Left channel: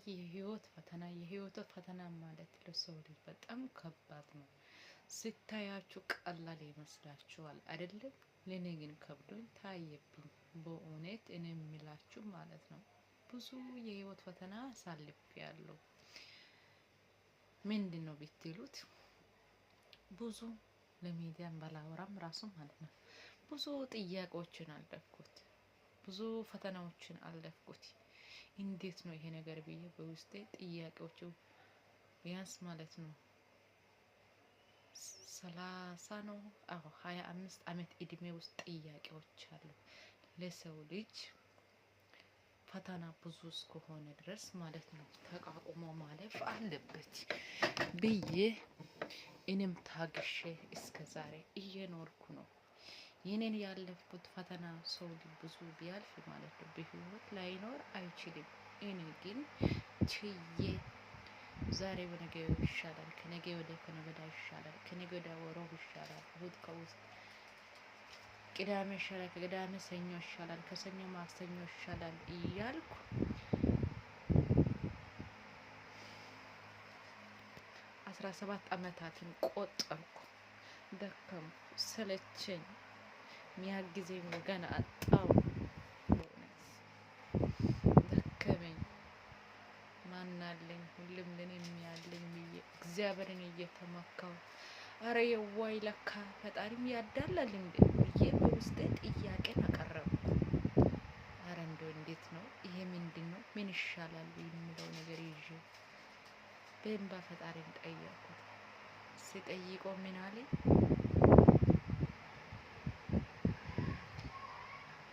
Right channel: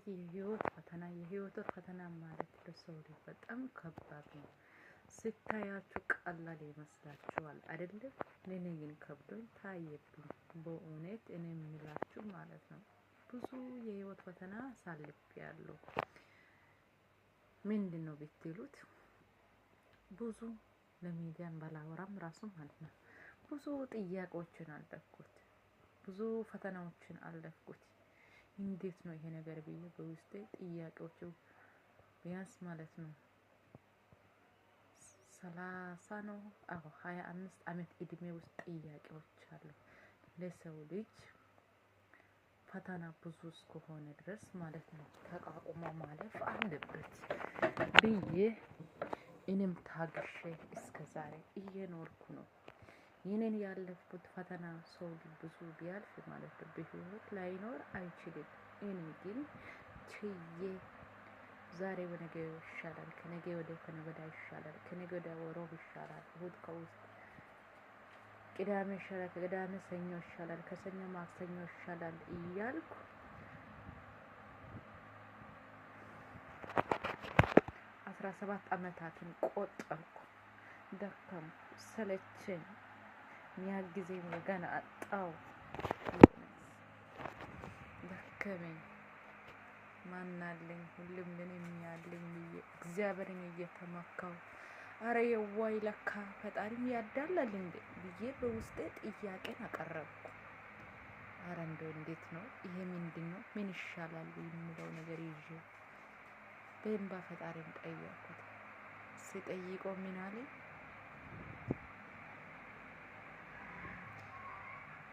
የህይወት ፈተና ማለት ለሰው ልጅ በጣም ከባድ ነው። ስታያችሁ ቀላል ይመስላችኋል አይደለም? ለኔ ግን ከብዶኝ ታየብኝ። በእውነት እኔ የሚላችሁ ማለት ነው። ብዙ የህይወት ፈተና አሳልፌያለሁ። ምንድነው ብትሉት ብዙ ለሚዲያም ባላወራም ራሱ ማለት ነው ብዙ ጥያቄዎችን አለፍኩት። ብዙ ፈተናዎችን አለፍኩት። እንዴት ነው ይሄ ነገር ብዬ በውስጤ ጥያቄዎቹ ቢያንስ ማለት ነው 30 ነው 25 አመት እድሜ ውስጥ ጥያቄዎች አሉ። ለሰው ልጅ ፈተና ብዙ እስከሆነ ድረስ ማለት ነው ተቋቁሞ ማለፍ አለበት ብዬ እኔም ታግሼ እስከዛሬ እየኖርኩ ነው። የኔን ያለፍኩት ፈተና ሰው ብዙ ቢያልፍ ማለት ነው በህይወት ላይኖር አይችልም። እኔ ግን ችዬ ዛሬ በነገ ይሻላል፣ ከነገ ወዲያ ከነገ ወዲያ ይሻላል፣ ከነገ ወዲያ ሮብ ይሻላል፣ እሁድ ከውስጥ ቅዳሜ ይሻላል፣ ከቅዳሜ ሰኞ ይሻላል፣ ከሰኞ ማክሰኞ ይሻላል እያልኩ 17 አመታትን ቆጠርኩ። ደከምኩ፣ ሰለቸኝ፣ ሚያግዘኝ ወገን አጣው። ደከመኝ። ማናለኝ ሁሉም ለኔ የሚያለኝ ብዬ እግዚአብሔርን እየተመካው አረ የዋይ ለካ ፈጣሪም ያዳላል እንዴ ብዬ በውስጤ ጥያቄን አቀረብኩ። አረ እንደው እንዴት ነው ይሄ ምንድነው ምን ይሻላል የሚለው ነገር ይዤ በእንባ ፈጣሪን ጠየቅኩት። ሲጠይቀው ምን አለኝ?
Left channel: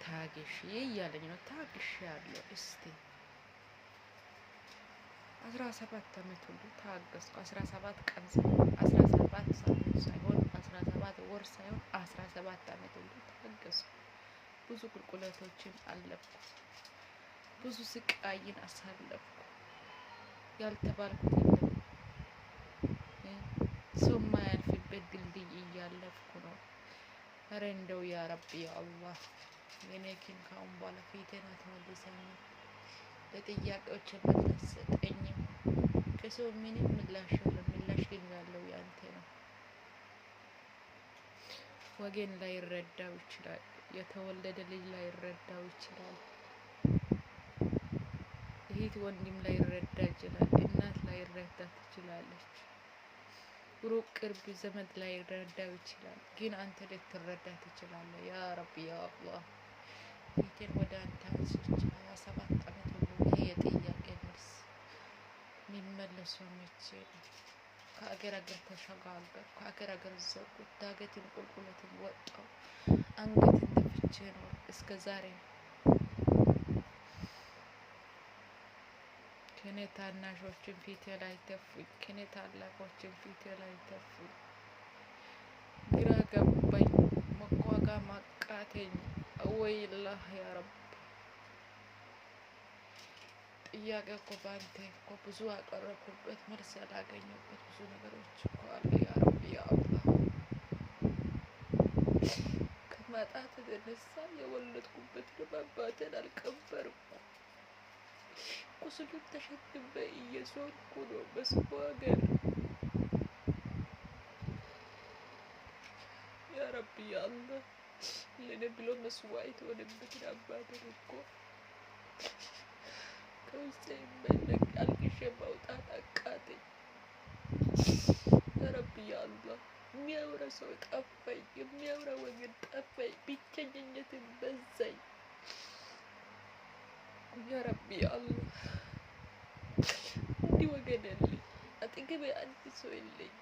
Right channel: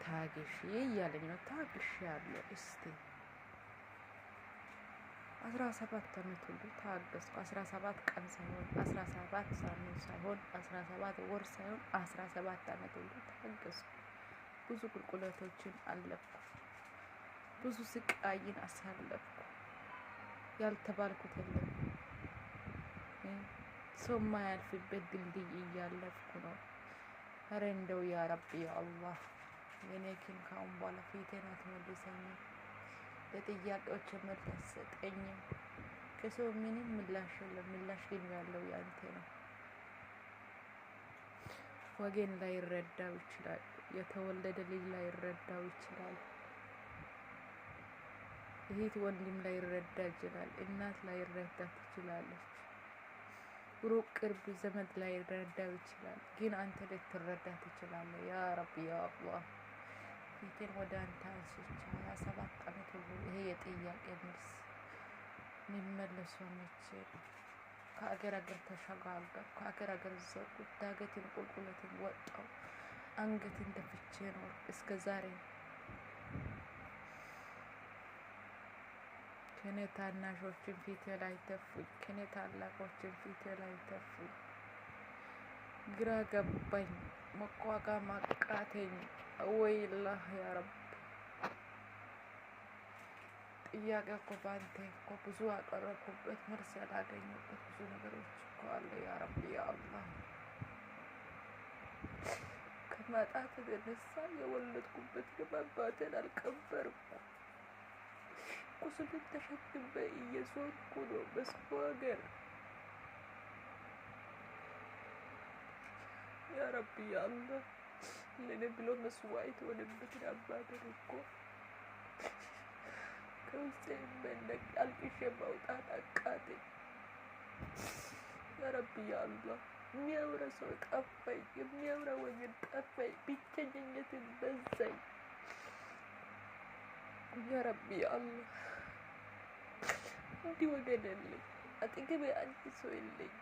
ታግሺ እያለኝ ነው። ታግሻለሁ። እስቲ 17 አመት ሁሉ ታገስኩ። 17 ቀን ሳይሆን 17 ሳምንት ሳይሆን 17 ወር ሳይሆን 17 አመት ሁሉ ታገስኩ። ብዙ ቁልቁለቶችን አለፍኩ። ብዙ ስቃይን አሳለፍኩ። ያልተባልኩት የለም። ሰው የማያልፍበት ድልድይ እያለፍኩ ነው። ኧረ እንደው ያ ረቢ ያ አላህ የኔ ግን ከአሁን በኋላ ፊቴን አትመልሰኝም። ለጥያቄዎች መልስ ሰጠኝም። ከሰው ምንም ምላሽ የለም። ምላሽ ግን ያለው ያንተ ነው። ወገን ላይረዳው ይችላል። የተወለደ ልጅ ላይረዳው ይችላል። እህት ወንድም ላይረዳ ይችላል። እናት ላይረዳ ትችላለች። ሩቅ ቅርብ ዘመድ ላይረዳው ይችላል። ግን አንተ ልትረዳ ትችላለህ። ያ ረቢ ያ አላህ ፊቴን ወደ አንተ አንስቼ 27 አመት ሁሉ ይሄ የጥያቄ መልስ የሚመለሰው መቼ? ከአገር አገር ተሸጋገርኩ። ከአገር አገር ዘርኩት። ዳገትን ቁልቁለትን ወጣው። አንገትን ደፍቼ ነው እስከ ዛሬ። ከኔ ታናሾችን ፊቴ ላይ ተፉኝ። ከኔ ታላቆችን ፊቴ ላይ ተፉኝ። ግራ ገባኝ። መቋቋም አቃተኝ። ወይላህ ያ ረብ ጥያቄ እኮ ባንተ እኮ ብዙ ያቀረብኩበት መልስ ያላገኘበት ብዙ ነገሮች እኮ አለ። ያ ረቢ ያ አላህ ከማጣት የተነሳ የወለድኩበትን አባቴን አልቀበርኩም። ቁስሉን ተሸክሜ እየዞርኩ ነው በሰው ሀገር። ያ ረቢ ያ አላህ ለኔ ብሎ መስዋዕት የሆነበትን አባቴን እኮ ከውስጤ የማይለቅ አልቅሼ ማውጣት አቃተኝ። ያ ረቢ ያ አላህ የሚያወራ ሰው ጠፋኝ። የሚያወራ ወገን ጠፋኝ። ብቸኝነትን በዛኝ። ያ ረቢ ያ አላህ እንዲህ ወገን የለኝ። አጠገቤ አንድ ሰው የለኝ።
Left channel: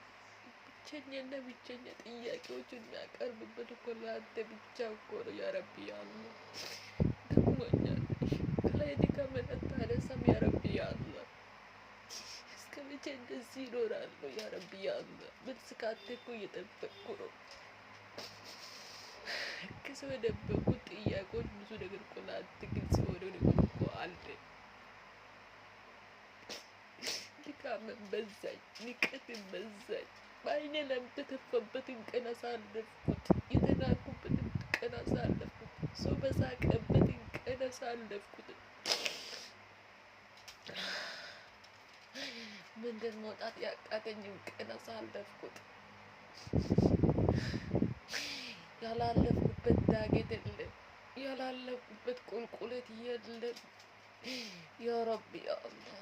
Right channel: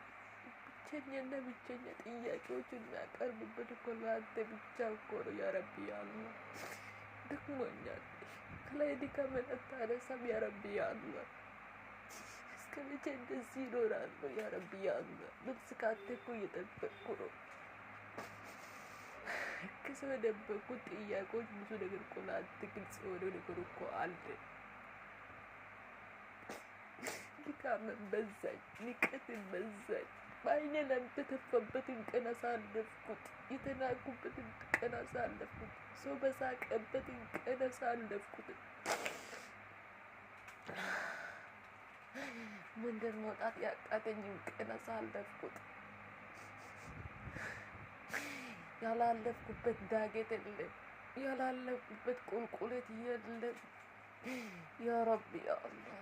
ብቸኛና ብቸኛ ጥያቄዎችን የሚያቀርብበት እኮ ለአንተ ብቻ እኮ ነው። ያ ረቢ ያ አላህ ደክሞኛል። ከላይ ድካም አታነሳም። ያ ረቢ ያ አላህ እስከ መቼ እንደዚህ ይኖራለሁ? ያ ረቢ ያ አላህ መልስ ካንተ እኮ እየጠበቅኩ ነው። ከሰው የደበቁት ጥያቄዎች ብዙ ነገር እኮ ለአንተ ግልጽ የሆነ ነገር እኮ አለ። ድካምን በዛኝ። ንቀትን በዛኝ። በዓይኔ ላንተ የተተፋበትን ቀን አሳለፍኩት። የተናኩበትን ቀን አሳለፍኩት። ሰው በሳቀበትን ቀን አሳለፍኩት። መንገድ መውጣት ያቃተኝን ቀን አሳለፍኩት። ያላለፍኩበት ዳገት የለም፣ ያላለፍኩበት ቁልቁለት የለም። ያ ረቢ ያ አላህ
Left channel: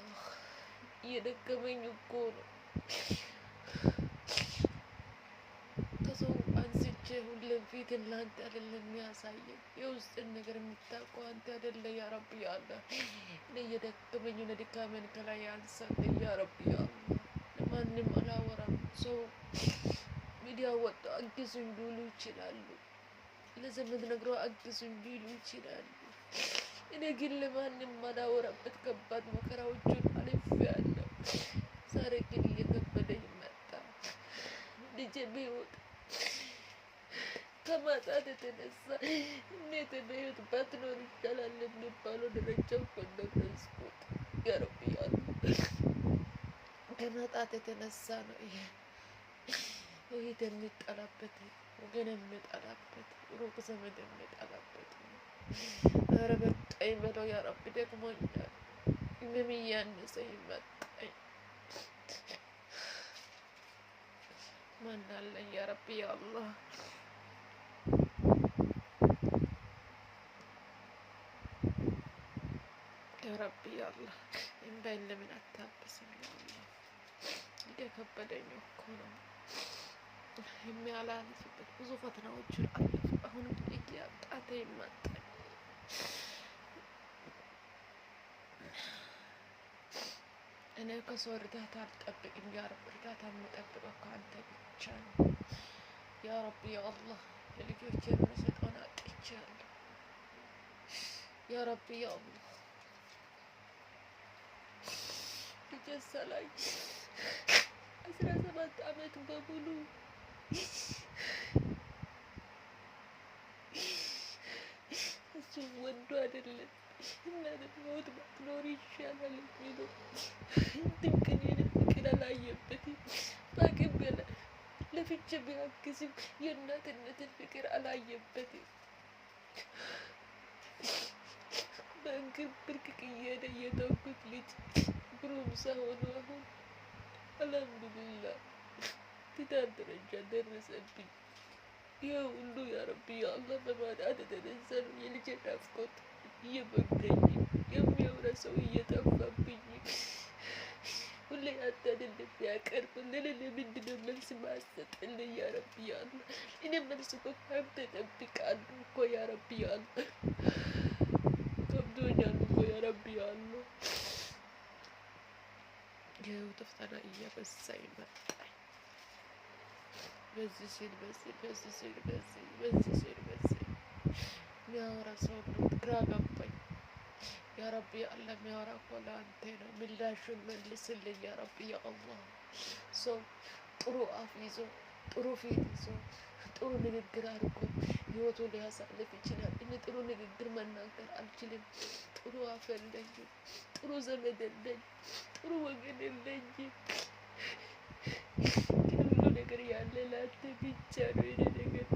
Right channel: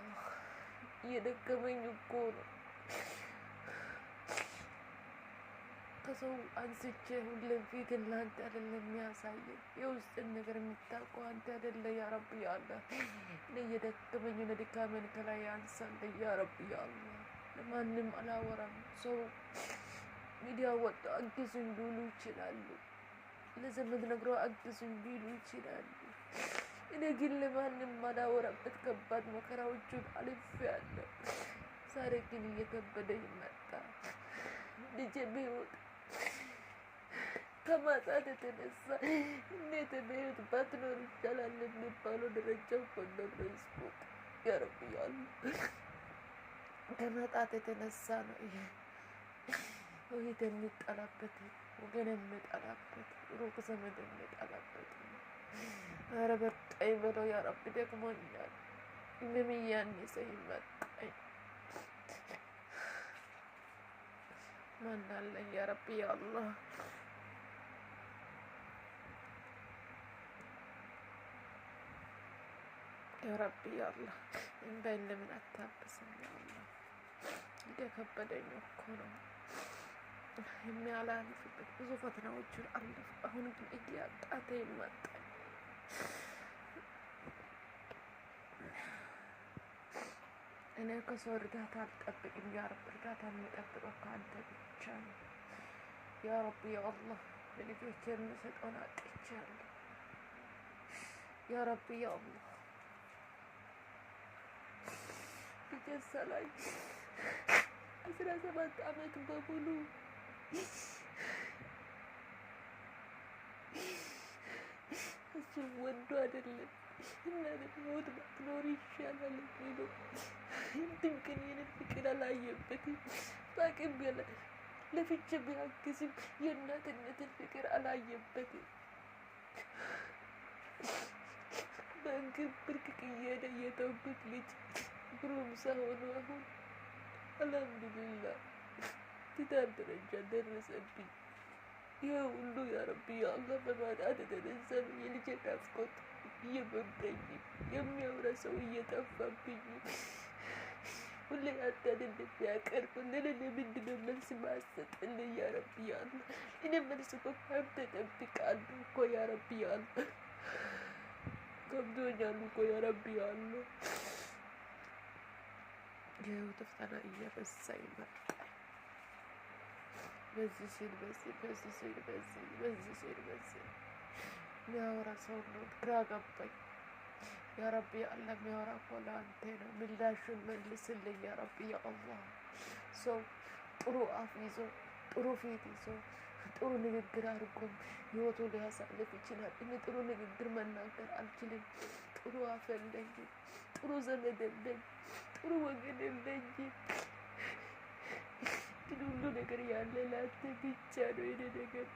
እየደከመኝ እኮ ነው። ከሰው አንስቼ ሁሌም ፊትን ለአንተ አይደለም የሚያሳየኝ፣ የውስጥን ነገር የምታውቀው አንተ አይደለ ያ ረቢ ያ አላህ። እኔ እየደከመኝ ነው፣ ድካሜን ከላይ አንሳልኝ ያ ረቢ ያ አላህ። ለማንም አላወራም። ሰው ሚዲያ ወጥቶ አግዙኝ ሊሉ ይችላሉ፣ ለዘመድ ነግረው አግዙኝ ሊሉ ይችላሉ። እኔ ግን ለማንም አላወራበት ከባድ መከራዎችን አልፌያለሁ። ዛሬ ግን እየከበደኝ መጣ። ልጄ ቢወጣ ከማጣት የተነሳ እንዴት በህይወት ባትኖር ይሻላል የሚባለው ደረጃ እኮ ደረስኩት። ያ ረቢ ያ አላህ ከማጣት የተነሳ ነው ይሄ እህት የሚጠላበት፣ ወገን የሚጠላበት፣ ሩቅ ዘመድ የሚጠላበት ነው። ኧረ በቃኝ በለው ያ ረቢ፣ ደክሞኛል። ህመም እያነሰኝ መጣኝ። ማን አለኝ ያ ረቢ ያ አላህ። ያ ረቢ ያ አላህ እንባዬን ለምን አታብስም ያ አላህ። እየከበደኝ እኮ ነው። የሚያላልፍበት ብዙ ፈተናዎችን አለፍኩ። አሁን ግን እያቃተኝ መጣኝ። እኔ ከሰው እርዳታ አልጠብቅም ያ ረቢ። እርዳታ የምጠብቀው ከአንተ ብቻ ነው ያ ረቢ ያ አላህ። ለልጆቼ የምሰጠውን አጥቻለሁ ያ ረቢ ያ አላህ። ልጄ ሰላም 17 ዓመት በሙሉ እሱ ወንዱ አይደለም እናት ሞት ባትኖር ይሻላል የሚለው እንትን ቀን የኔን ፍቅር አላየበትም። በአቅም በላይ ለፍቼ ቢያግዝም የእናትነትን ፍቅር አላየበትም። በእግር ብርቅቅ እየሄደ የተውኩት ልጅ ጎረምሳ ሆኖ አሁን አልሐምዱሊላህ ትዳር ደረጃ ደረሰብኝ። ይህ ሁሉ ያ ረቢ ያ አላህ በማጣት የተነሳ የልጄ ናፍቆት እየበገኝ፣ የሚያወራ ሰው እየጠፋብኝ፣ ሁሌ አንተ አይደለም ያቀርብልኝ። ለምንድን ነው መልስ ማሰጥልኝ ያ ረቢ ያ አላህ? እኔ መልስ እኮ ከአንተ እጠብቃለሁ እኮ ያ ረቢ ያ አላህ። ከብዶኛል እኮ ያ ረቢ ያ አላህ። የህይወት ፈተና እየበዛኝ መጣ። በዚህ ሲል በዚህ፣ በዚህ ሲል በዚህ፣ በዚህ ሲል በዚህ የሚያወራ ሰው ግራ ገባኝ ያ ረቢ ያ አላህ። የሚያወራ እኮ ለአንተ ነው። ምላሹን መልስልኝ ያ ረቢ ያ አላህ። ሰው ጥሩ አፍ ይዞ፣ ጥሩ ፊት ይዞ፣ ጥሩ ንግግር አድርጎ ህይወቱ ሊያሳልፍ ይችላል። እኔ ጥሩ ንግግር መናገር አልችልም። ጥሩ አፍ የለኝም፣ ጥሩ ዘመድ የለኝም፣ ጥሩ ወገን የለኝም። ሁሉ ነገር ያለ ላንተ ብቻ ነው። የኔ ነገር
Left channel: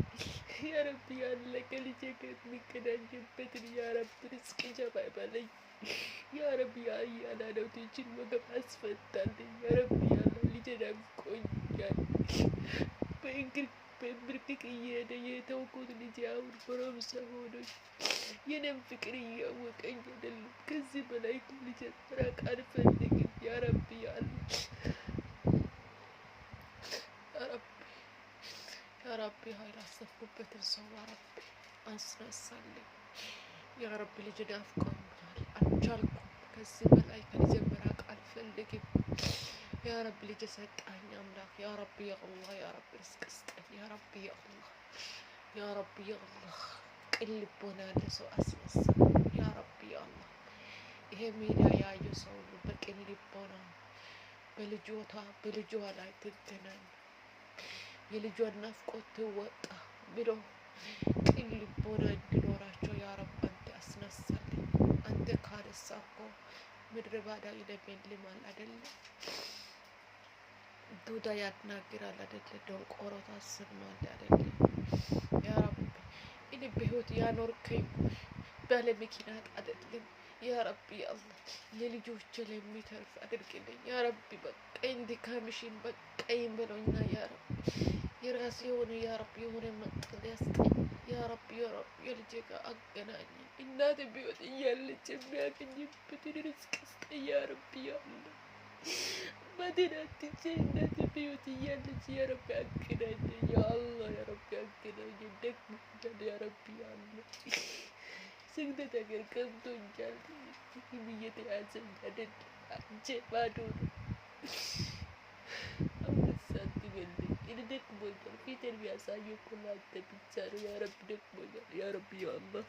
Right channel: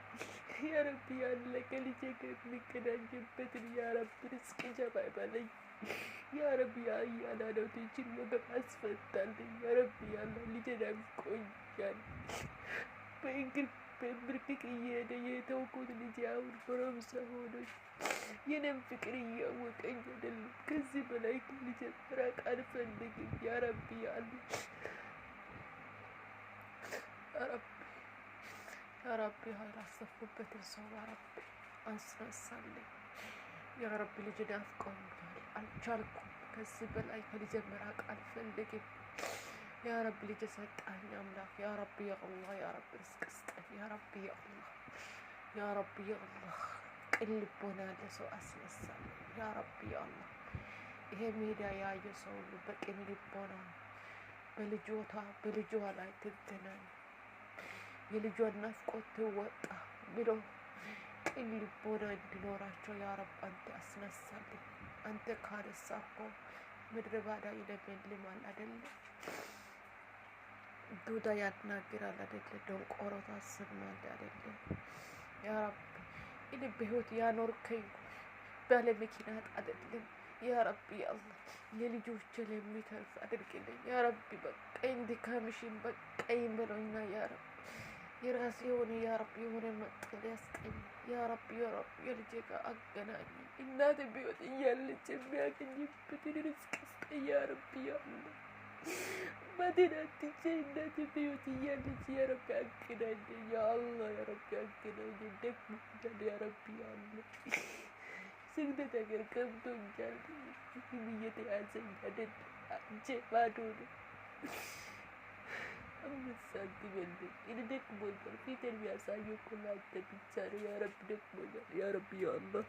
ያ ረቢ ያ አላህ ከልጄ ጋር የሚገናኝበትን ያ ረቢ ርዝቅ ጀባ ይበለኝ ያ ረቢ ያ አያላኖቶችን ወገብ አስፈታልኝ ያ ረቢ ያ አላህ። ልጄ ናፍቆኛል። በእግር በብርቅቅ እየሄደ የተውኩት ልጄ አሁን ጎረምሳ ሆኖኝ የኔም ፍቅር እያወቀኝ አይደለም። ከዚህ በላይ ልጄ መራቅ አልፈልግም ያ ረቢ ያ አላህ። ያ ረቢ ያላሰብኩበትን ሰው ያ ረቢ አስነሳልኝ ያ ረቢ። ልጅ ናፍቆኛል፣ አልቻልኩም። ከዚህ በላይ ከልጄ መራቅ አልፈልግም ያ ረቢ። ልጅ ሰጣኝ አምላክ ያ ረቢ ያ አላህ። ያ ረቢ ርዝቅ ስጠኝ ያ ረቢ ያ አላህ። ያ ረቢ ያ አላህ ቅን ልቦና ያለ ሰው አስነሳ ያ ረቢ ያ አላህ። ይሄ ሚዲያ ያየ ሰው ሁሉ በቅን ልቦና በልጇ ላይ ትገናኝ፣ የልጇን ናፍቆት ትወጣ ብሎ ቅን ልቦና እንዲኖራቸው ያ ረብ አንተ አስነሳልኝ። አንተ ካነሳ እኮ ምድረ ባዳ ይለመልማል አይደለ? ዱዳ ያናግራል አይደለ? ደንቆሮ ታሰማል አይደለ? ያ ረብ እኔ በህይወት ያኖርከኝ ባለ ምክንያት አይደለም። يا ربي يا الله ለልጆቼ ለሚተርፍ አድርግልኝ ያ ረቢ። በቃኝ ድካምሽን በቃኝ በሎኛ ያ ረቢ። የራሴ የሆነ ያ ረቢ የሆነ መጠለያ ስጠኝ ያ ረቢ። ያ ረቢ የልጄ ጋር አገናኝ። እናቴ ቢወጥ እያለች የሚያገኝበትን ርዝቅ ስጠኝ ያ ረቢ ያ አላህ። መዲናትቼ እናቴ ቢወጥ እያለች ያ ረቢ አገናኝ ያ አላህ። ያ ረቢ አገናኝ። ደግሞኛል ያ ረቢ ያ አላህ። ስግደት ሀገር ገብቶኛል። ይህም እየተያዘኝ አይደል አንጀ ባዶ ነው። አምስት ሳንቲም የለኝ። እኔ ደክሞኛል። ፊቴን የሚያሳየው እኮ ለአንተ ብቻ ነው ያ ረቢ። ደክሞኛል ያ ረቢ ያ አላህ።